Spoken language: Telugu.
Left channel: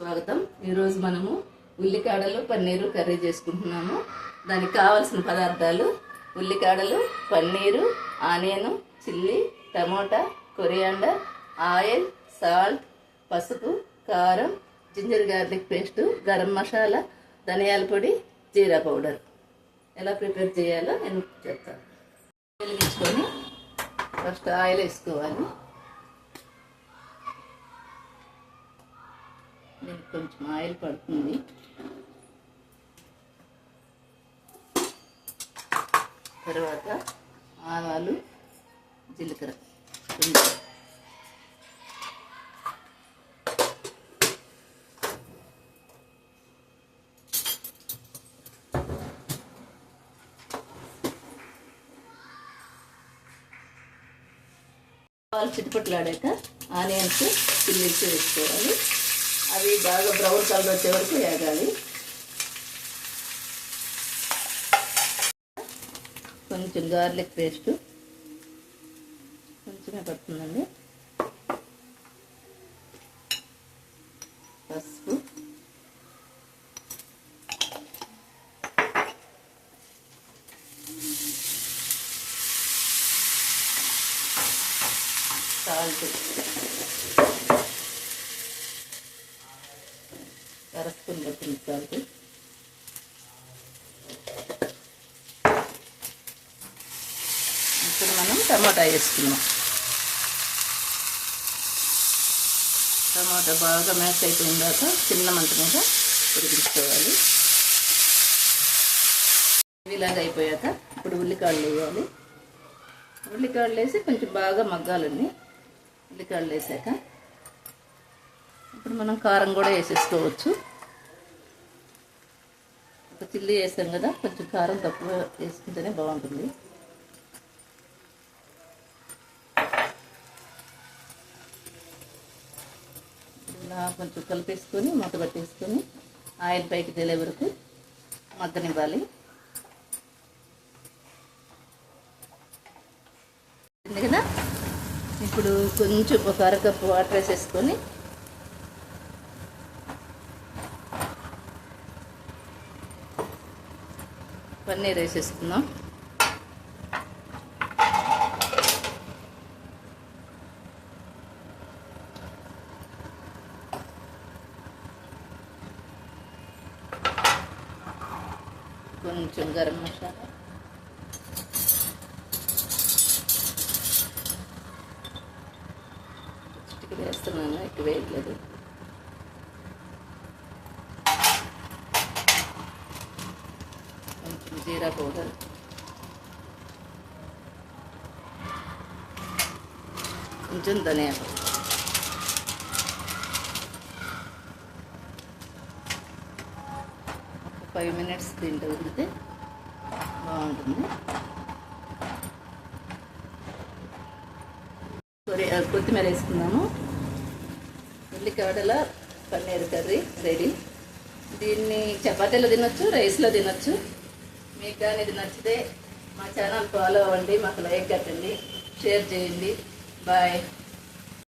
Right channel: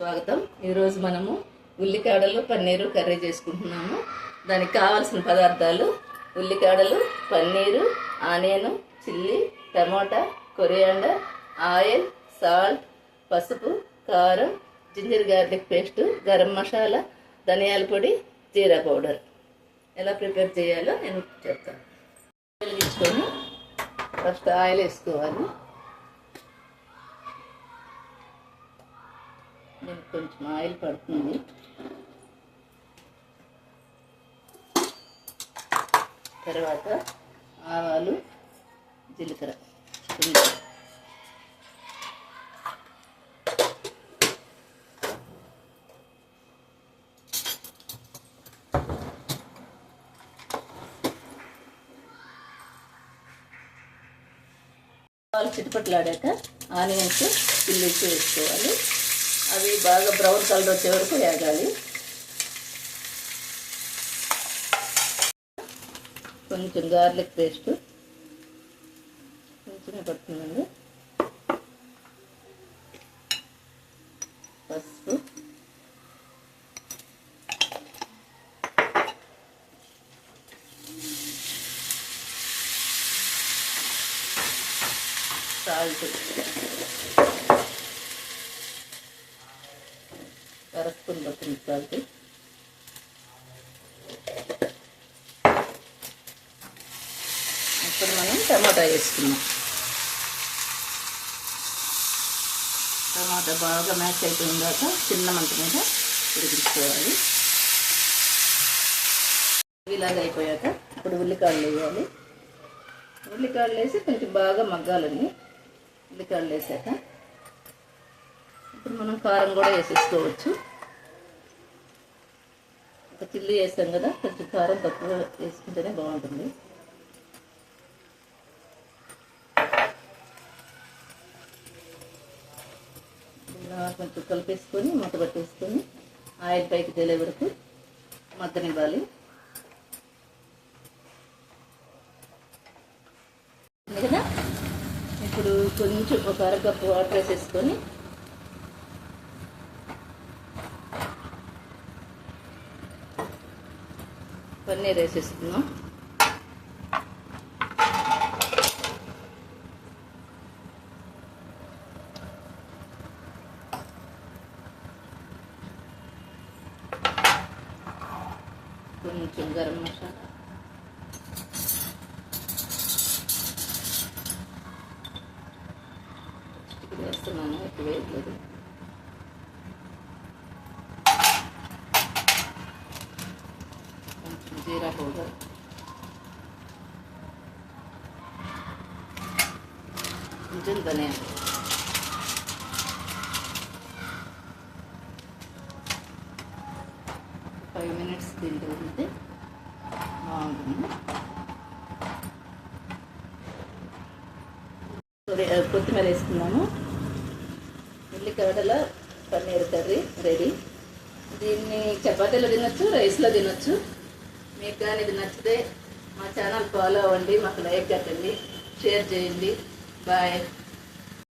స్వాగతం. ఈరోజు మనము ఉల్లికాడలు పన్నీరు కర్రీ చేసుకుంటున్నాము. దానికి కావాల్సిన పదార్థాలు: ఉల్లికాడలు, paneer, onion, chilli, tomato, coriander, oil, salt, పసుపు, కారం, ginger garlic paste, garam masala, ధనియాల పొడి, జీరా పౌడర్. ఎలా ప్రిపేర్ చేయాలో నేను చెప్తాను. ఆయిల్ తీసుకొని ఫస్ట్ ఆయిల్ వేసుకోవాలి. దీనికి కొంచెం ఆయిల్ పడుతుంది. తర్వాత ఆవాలు, జీలకర్ర, ఆవాలు చిటపట్లాడాక ఆనియన్స్, చిల్లీస్ వేసుకోవాలి. అవి బాగా బ్రౌన్ కలర్ వచ్చే వరకు వేగాలి. కొంచెం గార్లిక్ పేస్ట్ కొంచెమే పడుతుందండి. పసుపు, సాల్ట్, అరస్పూన్ పడుతుంది సాల్ట్. ఇప్పుడు మనం టమాటా వేసుకున్నాం. టమాటా బాగా మ్యాష్ అయిపోయిందాక చిన్న మంట మీద ఉడికించుకోవాలి. ఇలాగ అయిపోయాక ఇప్పుడు ఉల్లికాయలు వేయాలి. ఉల్లికాయలు వేసి కొంచెం బాగా మగ్గాలండి. ఉల్లికాయలు వేసాక ఇప్పుడు మనం కారం కూడా వేసేసుకోవచ్చు. ఒక చిల్లీ వేసాం కదా, కొంచెం కారం తక్కువ వేసుకుంటేనే బాగుంటుంది. కొంచెం కలిపేసుకొని మూత పెట్టేసుకొని ఆయిల్ పైకి తేలే వరకు మగ్గనివ్వాలి. కదా, ఇప్పుడు కొంచెం ఒక అరకప్పు వాటర్ వేసేసుకొని పన్నీర్ వేసేసుకున్నాం. కొంచెం గరం మసాలా, చిటికి వేస్తున్నాను, ఎక్కువ వేయట్లేదు. కొంచెం జీరా పౌడర్, కొంచెం ధనియాలు. ఒక 5 minutes దీంట్లో ఉంటే బాగుంటుంది. కొత్తిమీర వేసుకున్నాము. ఉల్లికాడల పన్నీర్ కర్రీ రెడీ. దీన్ని చపాతీలో తినొచ్చు, రైస్లో తినొచ్చు. మీకు కానీ ఇది నచ్చితే మా ఛానల్ ఫాలో అవ్వండి, మాకు లైక్ కట్టండి, షేర్ చేయండి. బాయ్.